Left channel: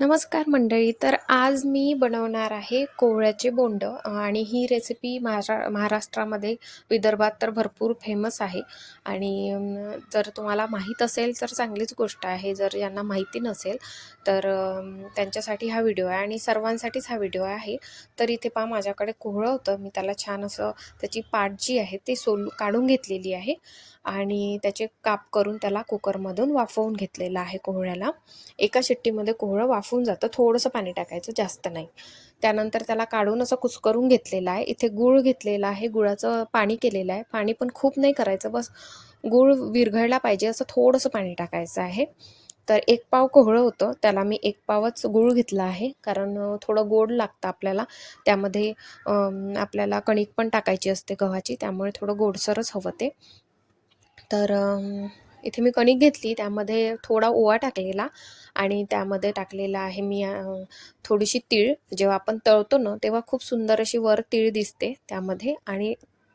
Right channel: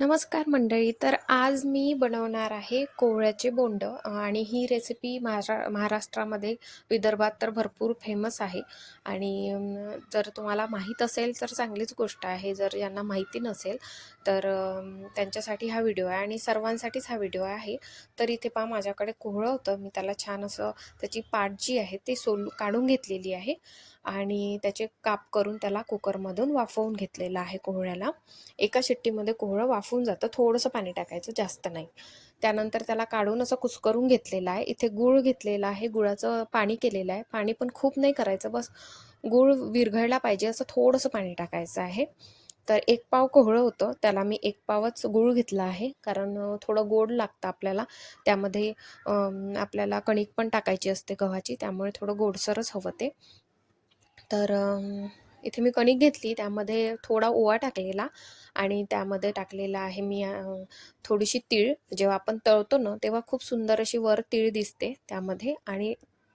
नमस्कार मंडळी तर आज मी बनवणार आहे कोहळ्याचे बोंड आणि ही रेसिपी महारा महाराष्ट्रामध्ये विदर्भात तर भरपूर फेमस आहे. आणि जर तुम्हाला माहीत असेल तर चांगलीच गोष्ट आहे. जर ज्यांना माहिती नसेल तर त्यांच्यासाठी हा व्हिडिओ आहे आणि सर्वांसाठीच हा व्हिडिओ आहे. तर इथे पहा माझ्याकडे कोहळं होतं. मी त्याला छान असं त्याची पाट जी आहे ती सोल काढून घेतलेली आहे. आणि त्याचे काप करून त्याला कुकरमधून वाफवून घेतलेलं आहे कोहळ्याला. एका शिट्टीमध्ये कोहळं वाफून जातं थोडंसं पाणी टाकायचं जास्त नाही. त्यानंतर त्याला काढून असं कुस्करून घेतलेलं आहे. इथे गूळ घेतलेला आहे गुळाचं पाणी केलेलं आहे. पाणी पण खूप नाही करायचं बस गूळ विरघळला पाहिजे असं थोडंसं पाणी टाकायचं आहे. तर एक पाव कोहळं होतं त्याला मी एक पावच गूळ घेतला आहे. कारण थोडं गोड लागतं आपल्याला. त्यामध्ये आपल्याला कणिक पण टाकायची असते गव्हाची त्यामुळे थोडं गोडसरच हवं ते. तर इथे मी कणिक घेतली. त्यामध्ये थोडा ओवा टाकलेला आणि त्यामध्ये टाकलेला आहे मी थोडीशी तीळ. जेव्हा आपण तळतो ना तेव्हा खूप सुंदर अशी वर तीळ दिसते त्यामध्ये आणि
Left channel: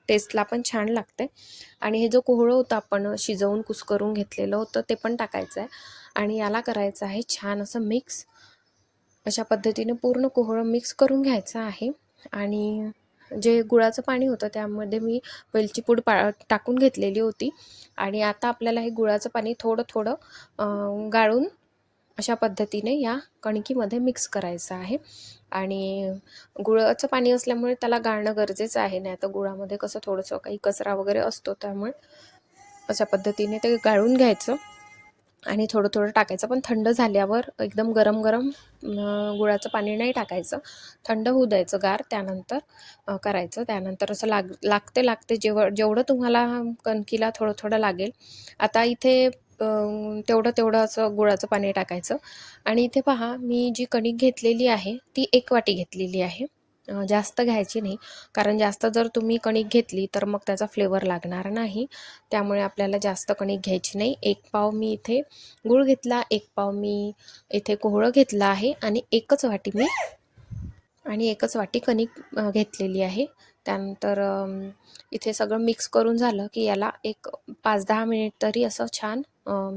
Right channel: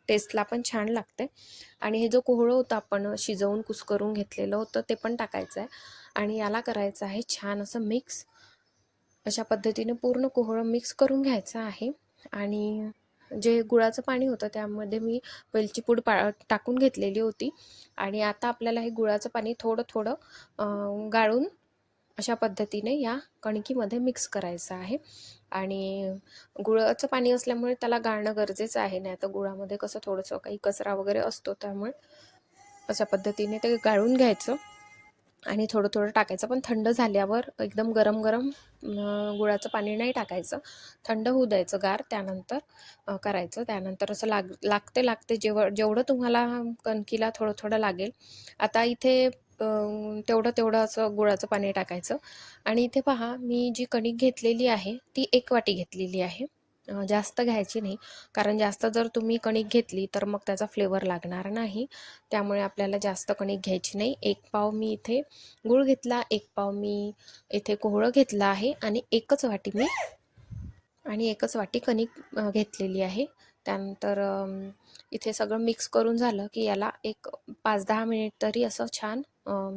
टेस्टला पण छान लागते. आणि हे जो कोहळं होतं आपण शिजवून कुस्करून घेतलेलं होतं ते पण टाकायचं आहे आणि याला करायचं आहे छान असं मिक्स अशा पद्धतीने पूर्ण कोहळं मिक्स करून घ्यायचं आहे. आणि जे गुळाचं पाणी होतं त्यामध्ये मी वेलची पूड पा टाकून घेतलेली होती. आणि आता आपल्याला हे गुळाचं पाणी थोडं थोडं गाळून अशा पद्धतीने या कणकीमध्ये मिक्स करायचं आहे. आणि गुळाचं पाणी असल्यामुळे त्याला गाळणं गरजेचं आहे. नाही तर गुळामध्ये कसं थोडंसं काही कचरा वगैरे असतो त्यामुळे अशा पद्धतीने ते गाळून घ्यायचं. आणि थोडं थोडं टाकायचं. पण थंड झाल्यावर एकदम गरम गरम गुळाचं पाणी नाही टाकायचं. थंड होऊ द्यायचं गार त्यानंतर करायचं. त्यानंतर असं लाग लागते लागते जेव जेवढं तुम्हाला कणकीला थोडं थोडं लागेल आता इथे तेवढं तेवढं असं गुळाचं पाणी टाकायचं. आणि इथे पहा मी जी कणिक घेतलेली आहे ती एक वाटी घेतलेली आहे. जास्त घ्यायची नाही. कारण जास्त जर तुम्ही कणिक घेतली तर मग त्याचा फ्लेवर लागणार नाही. त्यामुळे आपल्याला जास्त कणिक घ्यायची नाही. एक पाव मी इथे गूळ घेतला एक पाव मी इथे कोहळं घेतलं आहे आणि एकच वाटी मी आणि एकच वाटी कणिक घेतलेली आहे. त्यानंतर इथे सगळं मिक्स करून झालं की याला एक पाच दहा मिनिट तरी असं छान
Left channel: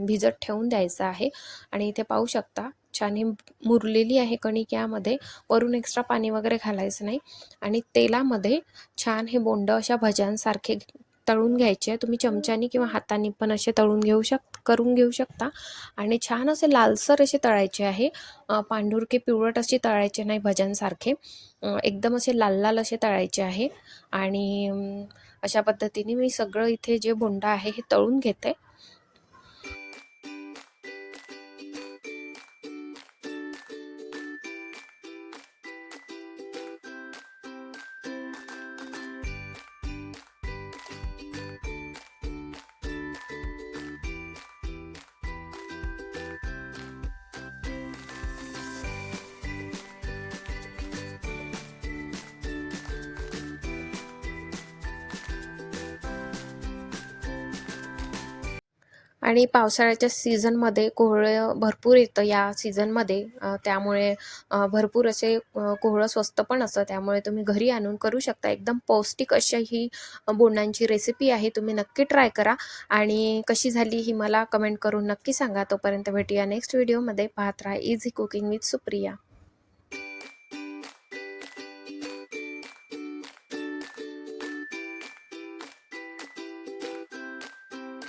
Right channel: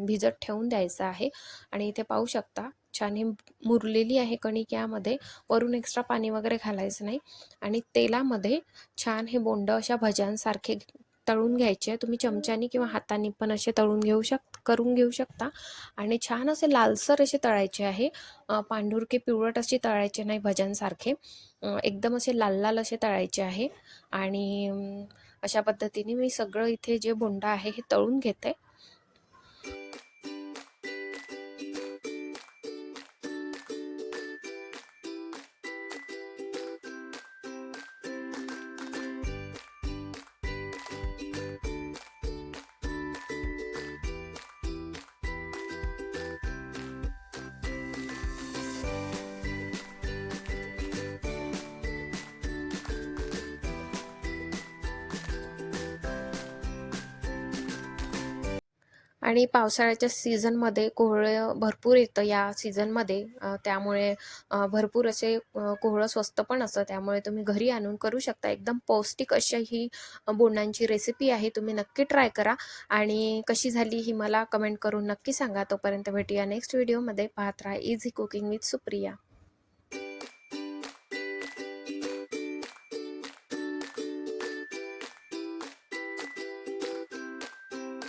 भिजत ठेवून द्यायचं आहे. आणि इथे पाहू शकता छान मुरलेली आहे कणिक यामध्ये वरून एक्स्ट्रा पाणी वगैरे घालायचं नाही. आणि तेलामध्ये छान हे बोंड अशा भज्यांसारखे तळून घ्यायचे. तुम्ही चमच्यानी किंवा हाताने पण असे तळून घेऊ शक करून घेऊ शकता. आणि छान असे लालसर असे तळायचे आहे. पांढुरके पिवळट अशी तळायचे नाही भज्यांसारखे. एकदम असे लाल लाल असे तळायचे आहे. आणि अशा पद्धतीने मी सगळं इथे जे बोंडा आहे हे तळून घेते. आणि पावसाळ्याच्या सीझनमध्ये कोहळं भरपूर येतं या सीझनमध्ये. त्यामुळे भरपूर असे कोहळं स्वस्त पण असतं त्यामुळे तुम्ही घरी आणून करू शकता. एकदम पौष्टिक अशी ही बोंडांची रेसिपी आहे. तुम्ही नक्की ट्राय करा. आणि कशी झाली ही मला कमेंट करून नक्की सांगा. तोपर्यंत भेटूया नेक्स्ट व्हिडिओमध्ये पाहत राहा इझी कुकिंग विथ सुप्रिया